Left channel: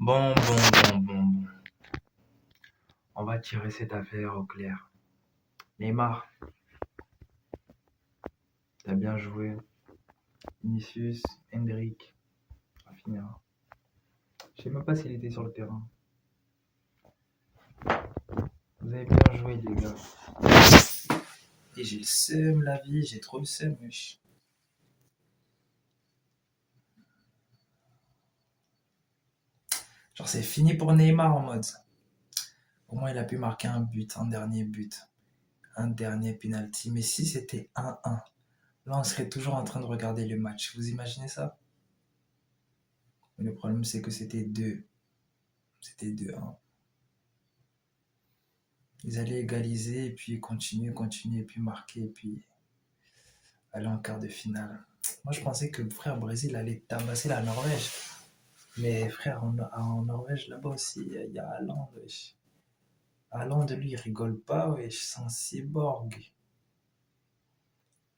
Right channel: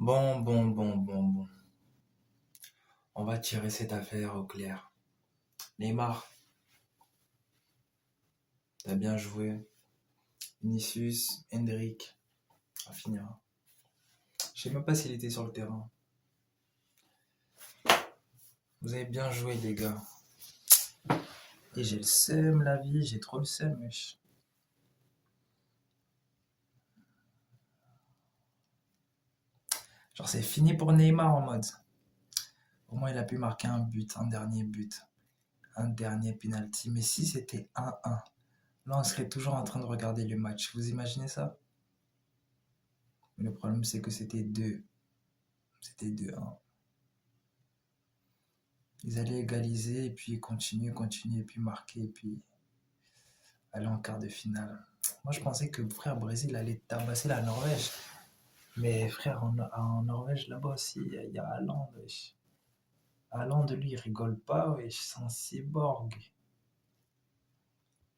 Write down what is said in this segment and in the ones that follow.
Bon. On va tirer cette affaire au clair. Neymar, t'as bien joué. Vinicius, Hendrick, Rafinha. Je sais même pas s'il était sur le terrain. Vous avez bien joué, les gars. Et j'ai le seum, la vie, j'ai trop le seum, wesh. Genre, c'est fini pour Neymar en mode. Au moins, il a pu marquer un dernier but, un dernier penalty. Mais si c'était 1-1, là, on serait toujours en train de regarder le match. Vous imaginez ça? Le problème, c'est que c'était 2. C'était 2-1. Ils allaient égaliser et puis continuer, et puis marquer, et puis aller en quart de finale. Moi, je pensais que frère Brésil allait tabasser la Norvège. Mais frère, en Norvège, là-bas aussi, il y a Haaland, wesh. Haaland, lui, il rigole pas, wesh, c'est un cyborg.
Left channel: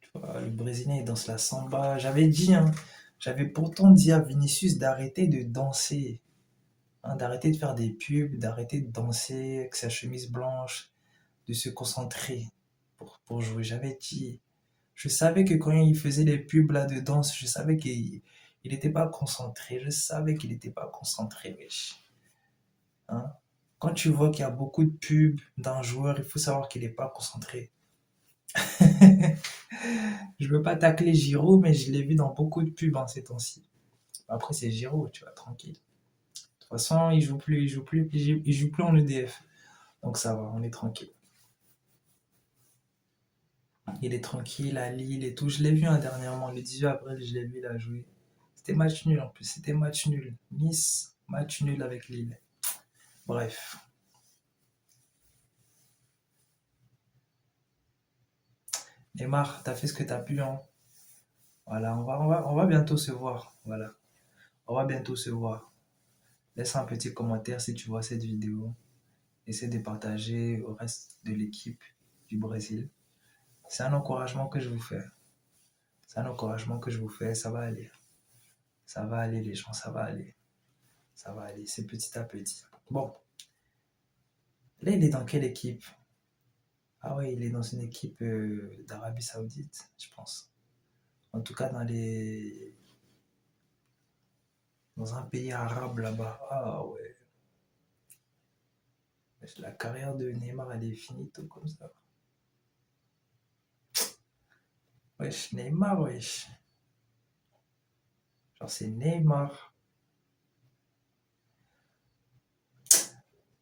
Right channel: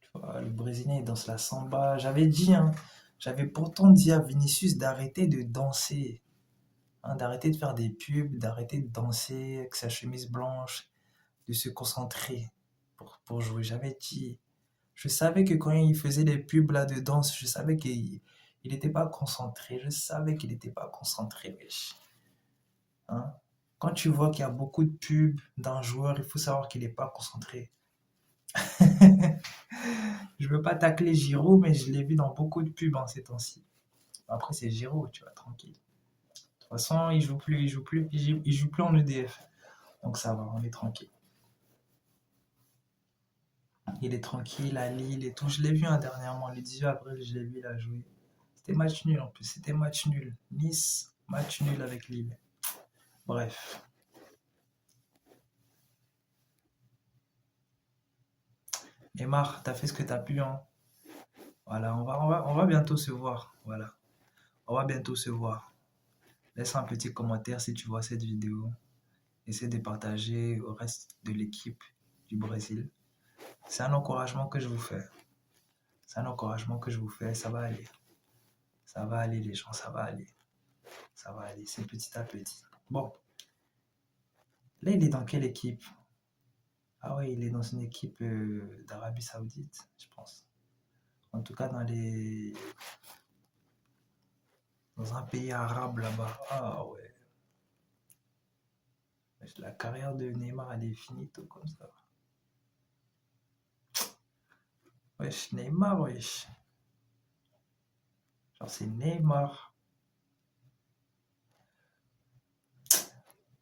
Tu vois, le Brésilien, il danse la samba. J'avais pourtant dit à Vinicius d'arrêter de danser, hein, d'arrêter de faire des pubs, d'arrêter de danser avec sa chemise blanche, de se concentrer pour jouer. J'avais dit, je savais que quand il faisait les pubs là de danse, je savais qu'il n'était pas concentré. Je savais qu'il n'était pas concentré, wesh. Hein? Quand tu vois qu'il y a beaucoup de pubs d'un joueur, il faut savoir qu'il n'est pas concentré. Je veux pas tacler Giroud, mais je l'ai vu dans beaucoup de pubs en ces temps-ci. Après, c'est Giroud, tu vois, tranquille. De toute façon, il joue plus en EDF. Donc ça va, on est tranquille. Il est tranquille à Lille et tout. Je l'ai vu dernièrement, le 18 avril, je l'ai vu, il a joué. C'était match nul en plus, c'était match nul. Nice, match nul avec Lille. Bref. Neymar, t'as fait ce que t'as pu, hein. Voilà, on va bientôt se voir. Voilà, on va bientôt se voir. Laisse un petit commentaire si tu vois cette vidéo. Essaie de partager au reste de l'équipe du Brésil. C'est un encouragement que je vous fais. C'est un encouragement que je vous fais. Ça va aller. Ça va aller, les gens. Ça va aller. Ça va aller. C'est petit à petit. Bon. Là, il est dans quelle équipe? Ah ouais, il est dans une équipe d'Arabie Saoudite, je pense. En tout cas, dans un pays arabe là-bas. Ah ouais. La carrière de Neymar, elle est finie tout comme ça. Wesh, Neymar, wesh. Genre, c'est Neymar.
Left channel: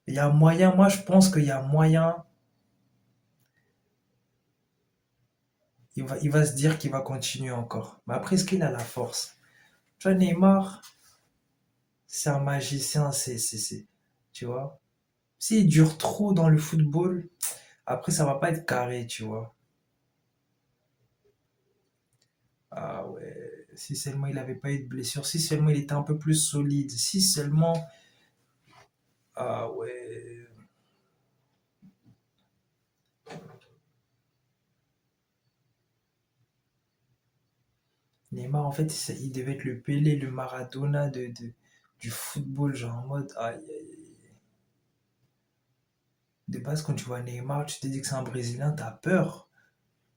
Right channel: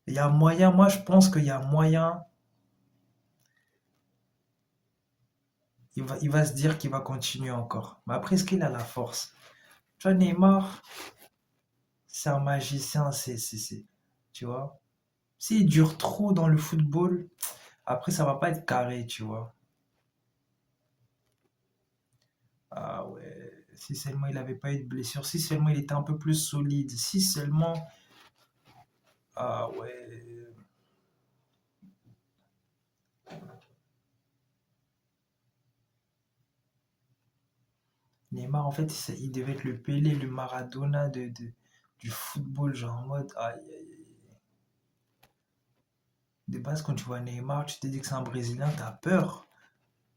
Il y a moyen, moi je pense qu'il y a moyen. Il va se dire qu'il va continuer encore. Mais après, est-ce qu'il a la force? Tu vois, Neymar, c'est un magicien, tu vois. S'il dure trop dans le football, après, ça va pas être carré, tu vois. Ah ouais, si seulement il avait pas eu de blessure, si seulement il était un peu plus solide, si seulement. Ah ouais. Neymar, en fait, il devait être le Pelé, le Maradona du football, genre en mode. Aïe, aïe, aïe. De base, quand tu vois Neymar, tu te dis que c'est un Brésilien, t'as peur.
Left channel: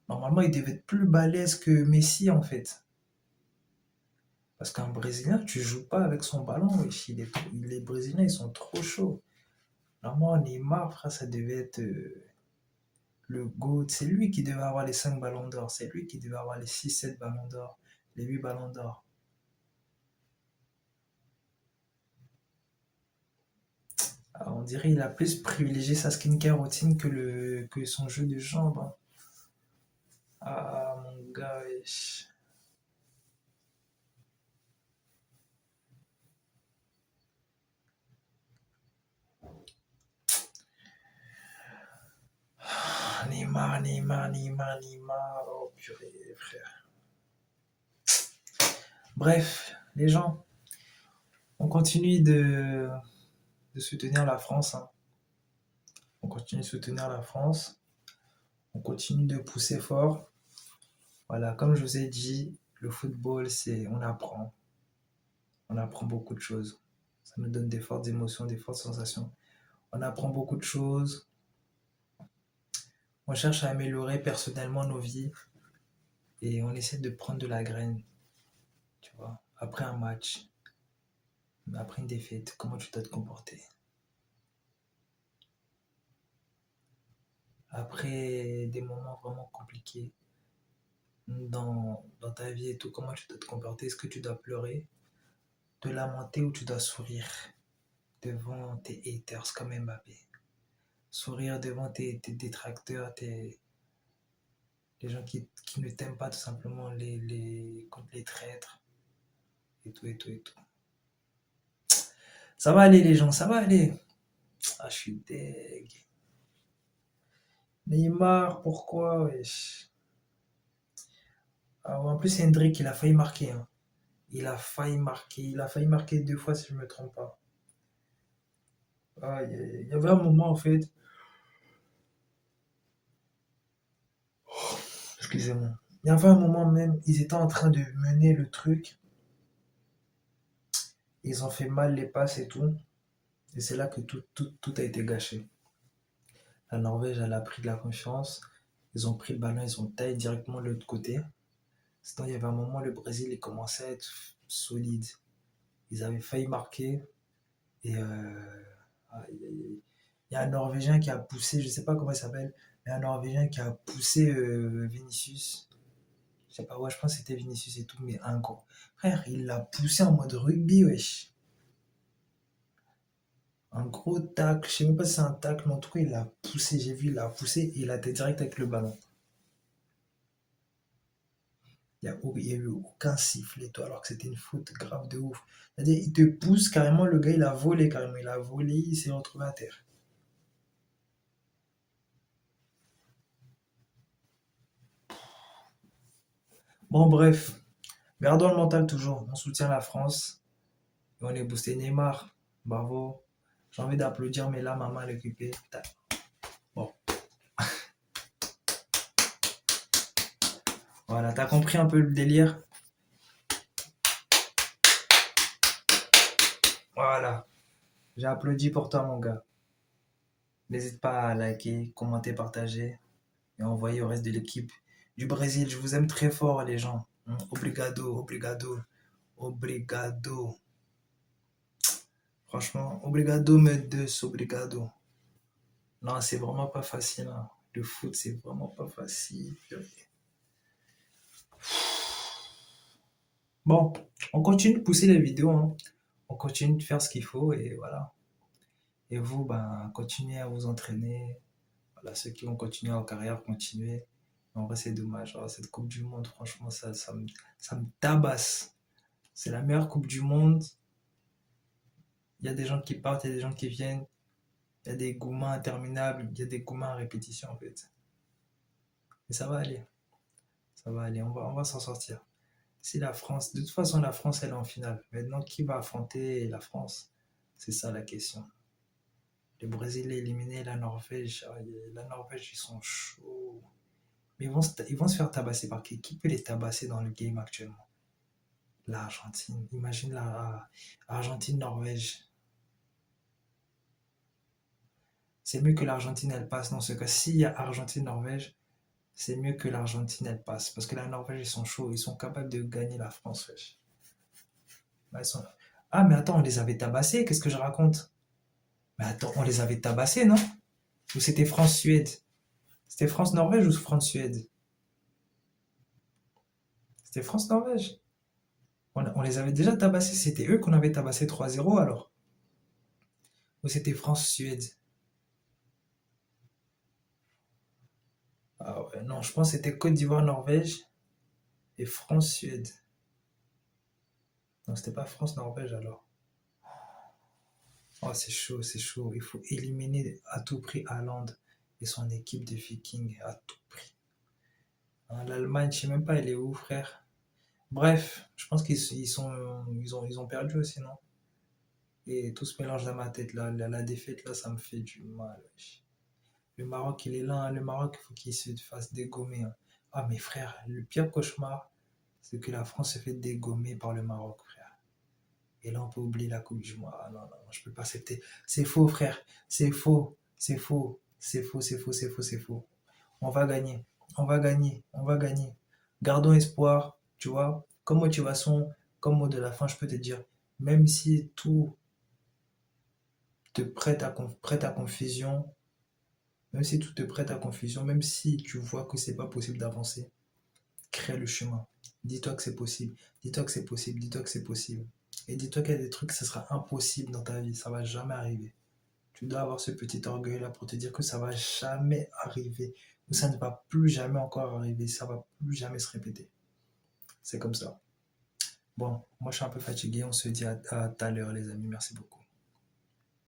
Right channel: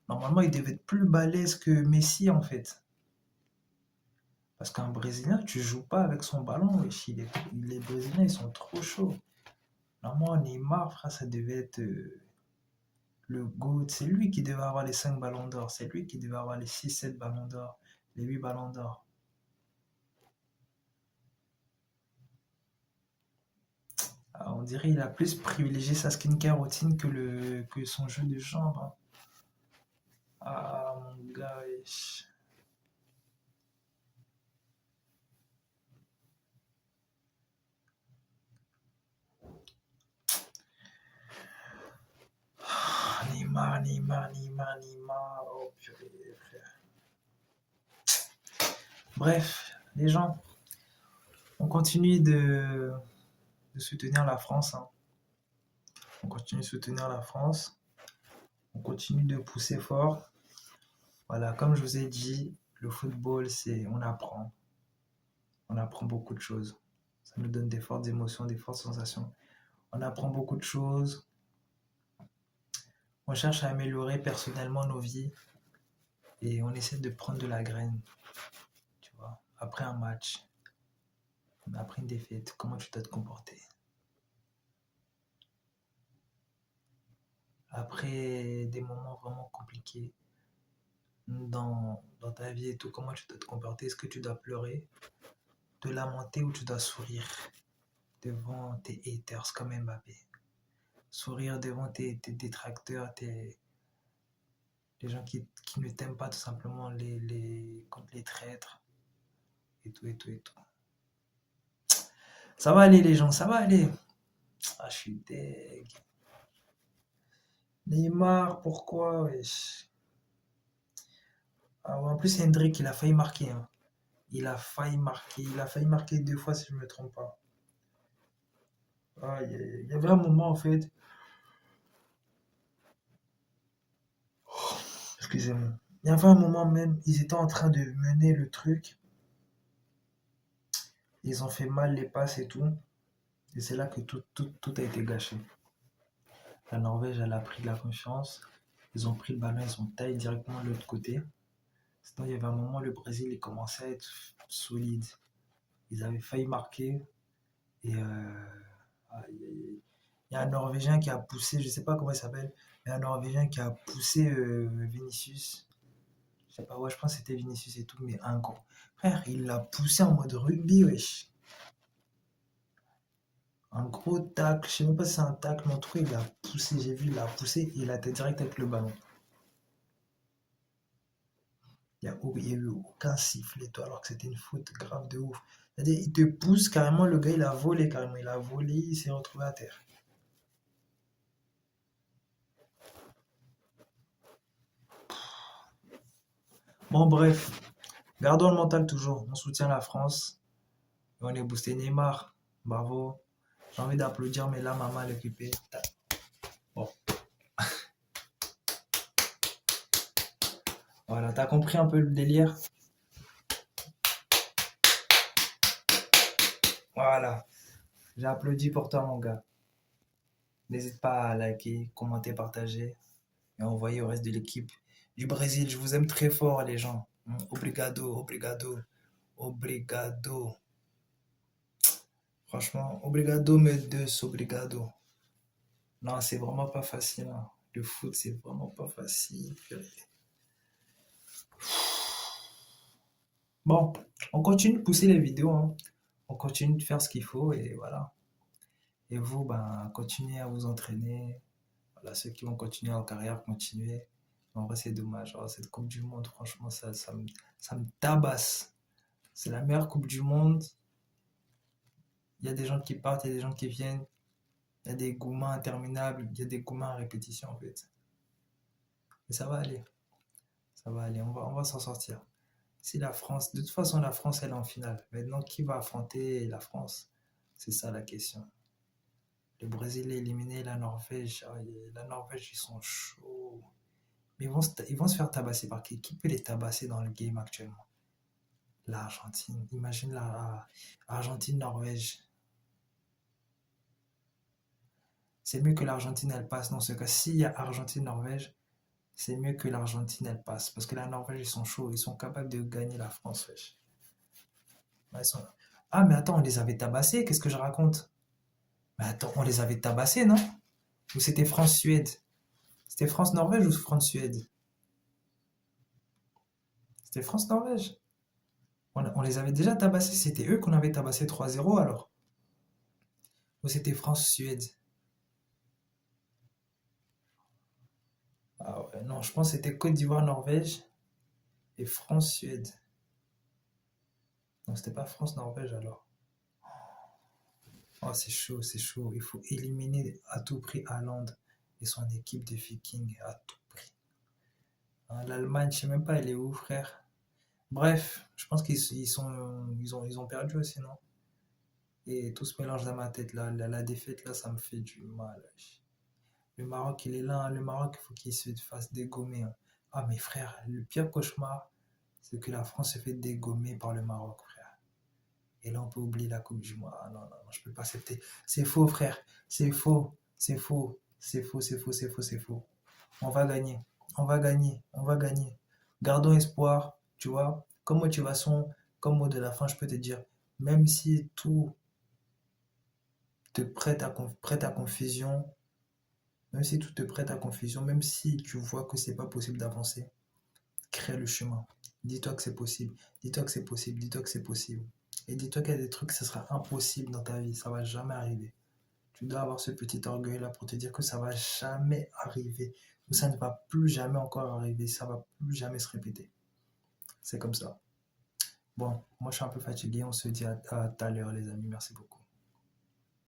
Normalement, il devait être plus balèze que Messi, en fait. Parce qu'un Brésilien, tu joues pas avec son ballon, wesh. Les Brésiliens, ils sont trop chauds. Normalement, Neymar, frère, ça devait être le GOAT. C'est lui qui devait avoir les 5 ballons d'or. C'est lui qui devait avoir les 6, 7 ballons d'or. Les 8 ballons d'or. Ah, on dirait qu'il a plus privilégié sa skincare routine que son jeu de jambes, hein. Ah, mon gars, wesh. Ah, Neymar. Oh, purée, frère. Bref, les gens, on continue de soutenir la France, hein. On continue de soutenir la France. On continue de pousser fort. Voilà, comme je vous ai dit, le football, c'est on apprend. On apprend beaucoup de choses. Ça nous donne des fortes émotions, des fortes sensations. On apprend beaucoup de choses. On cherche à améliorer personnellement nos vies. Et on essaie de prendre de la graine, tu vois. Après un match, après une défaite, comment tu dois te comporter. Après des moments vraiment compliqués dans ta vie et tout, comment tu dois te comporter. Est-ce que tu dois pleurer, te lamenter ou tu dois sourire devant tes haters comme Mbappé. Sourire devant tes détracteurs, les gens qui ne t'aiment pas tout simplement, contre les traîtres et tout et tout et tout. Ça va aller les gens, ça va aller. Ah, je suis deg. Neymar, pourquoi, wesh? Ah ouais, en plus, Hendrick, il a failli marquer, hein. Il a failli marquer 2 fois si je ne me trompe pas. Ah, il y avait un moment en fait, excusez-moi, il y avait un moment même, ils étaient en train de mener le truc, ils ont fait mal les passes et tout, et c'est là que tout a été gâché. La Norvège, elle a pris de la confiance, ils ont pris le ballon, ils ont taillé directement de l'autre côté. Sinon, il y avait un moment, le Brésil, il commençait à être solide. Ils avaient failli marquer, et il y a un Norvégien qui a poussé, je sais pas comment il s'appelle, mais un Norvégien qui a poussé Vinicius. Je sais pas, ouais, je pense que c'était Vinicius et tout, mais un gros. Frère, il l'a poussé en mode rugby, wesh. Un gros tacle, je sais même pas si c'est un tacle, mais en tout cas, il l'a poussé, j'ai vu, il l'a poussé et il a été direct avec le ballon. Il y a eu aucun sifflet, toi, alors que c'était une faute grave de ouf. C'est-à-dire, il te pousse carrément, le gars, il a volé carrément. Il a volé, il s'est retrouvé à terre. Bon, bref, gardons le mental toujours. On soutient la France. Et on est boosté Neymar. Bravo. J'ai envie d'applaudir, mais là, maman est occupée. Bon, voilà, t'as compris un peu le délire. Voilà, j'ai applaudi pour toi, mon gars. N'hésite pas à liker, commenter, partager et envoyer au reste de l'équipe du Brésil. Je vous aime très fort, les gens. Obrigado, obrigado, obrigado. Franchement, obrigado, mes deux, obrigado. Non, c'est vraiment pas facile, hein. Le foot, c'est vraiment pas facile. Bon, on continue de pousser les vidéos, hein. On continue de faire ce qu'il faut et voilà. Et vous, ben, continuez à vous entraîner. Voilà, ceux qui vont continuer leur carrière, continuez. En vrai, c'est dommage. Oh, cette Coupe du Monde, franchement, ça me tabasse. C'est la meilleure Coupe du Monde. Il y a des gens qui partent, il y a des gens qui viennent. Il y a des gourmands interminables, il y a des gourmands à répétition, en fait. Et ça va aller. Ça va aller. On va s'en sortir. Si la France, de toute façon, la France, elle est en finale. Maintenant, qui va affronter la France? C'est ça la question. Le Brésil est éliminé, la Norvège. Ah, la Norvège, ils sont chauds. Mais ils vont se faire tabasser par qui? Qui peut les tabasser dans le game actuellement? L'Argentine. Imagine la Argentine-Norvège. C'est mieux que l'Argentine, elle passe dans ce cas. S'il y a Argentine-Norvège, c'est mieux que l'Argentine, elle passe. Parce que la Norvège, ils sont chauds. Ils sont capables de gagner la France, wesh. Bah, ah, mais attends, on les avait tabassés. Qu'est-ce que je raconte? Mais attends, on les avait tabassés, non? Ou c'était France-Suède? C'était France-Norvège ou France-Suède? C'était France-Norvège. On les avait déjà tabassés. C'était eux qu'on avait tabassé 3-0 alors. Ou c'était France-Suède? Ah ouais, non, je pense que c'était Côte d'Ivoire-Norvège et France-Suède. Non, c'était pas France-Norvège alors. Oh, c'est chaud, c'est chaud. Il faut éliminer à tout prix Haaland et son équipe de Vikings à tout prix. Hein, l'Allemagne, je sais même pas, elle est où, frère? Bref, je pense ils ont perdu aussi, non? Et tout se mélange dans ma tête. Là, la défaite, là, ça me fait du mal. Le Maroc, il est là, hein. Le Maroc, il faut qu'il se fasse dégommer, hein. Ah, mes frères, le pire cauchemar, c'est que la France se fait dégommer par le Maroc, frère. Et là, on peut oublier la Coupe du Monde. Ah non, non, non, je peux pas accepter. C'est faux, frère. C'est faux. C'est faux. C'est faux, c'est faux, c'est faux, c'est faux. On va gagner. On va gagner. On va gagner. Gardons espoir. Tu vois, comme motivation, comme mot de la fin, je peux te dire, même si tout te prête à confusion, même si tout te prête à confusion, même si tu vois que c'est pas possible d'avancer, crée le chemin. Dis-toi que c'est possible. Dis-toi que c'est possible. Dis-toi que c'est possible. Et dis-toi qu'il y a des trucs, ce sera impossible dans ta vie. Ça va jamais arriver. Tu dois avoir ce petit orgueil-là pour te dire que ça va jamais arriver. Ou ça ne va plus jamais encore arriver. Ça va plus jamais se répéter. C'est comme ça. Bon, moi je suis un peu fatigué. On se dit à tout à l'heure, les amis. Merci beaucoup.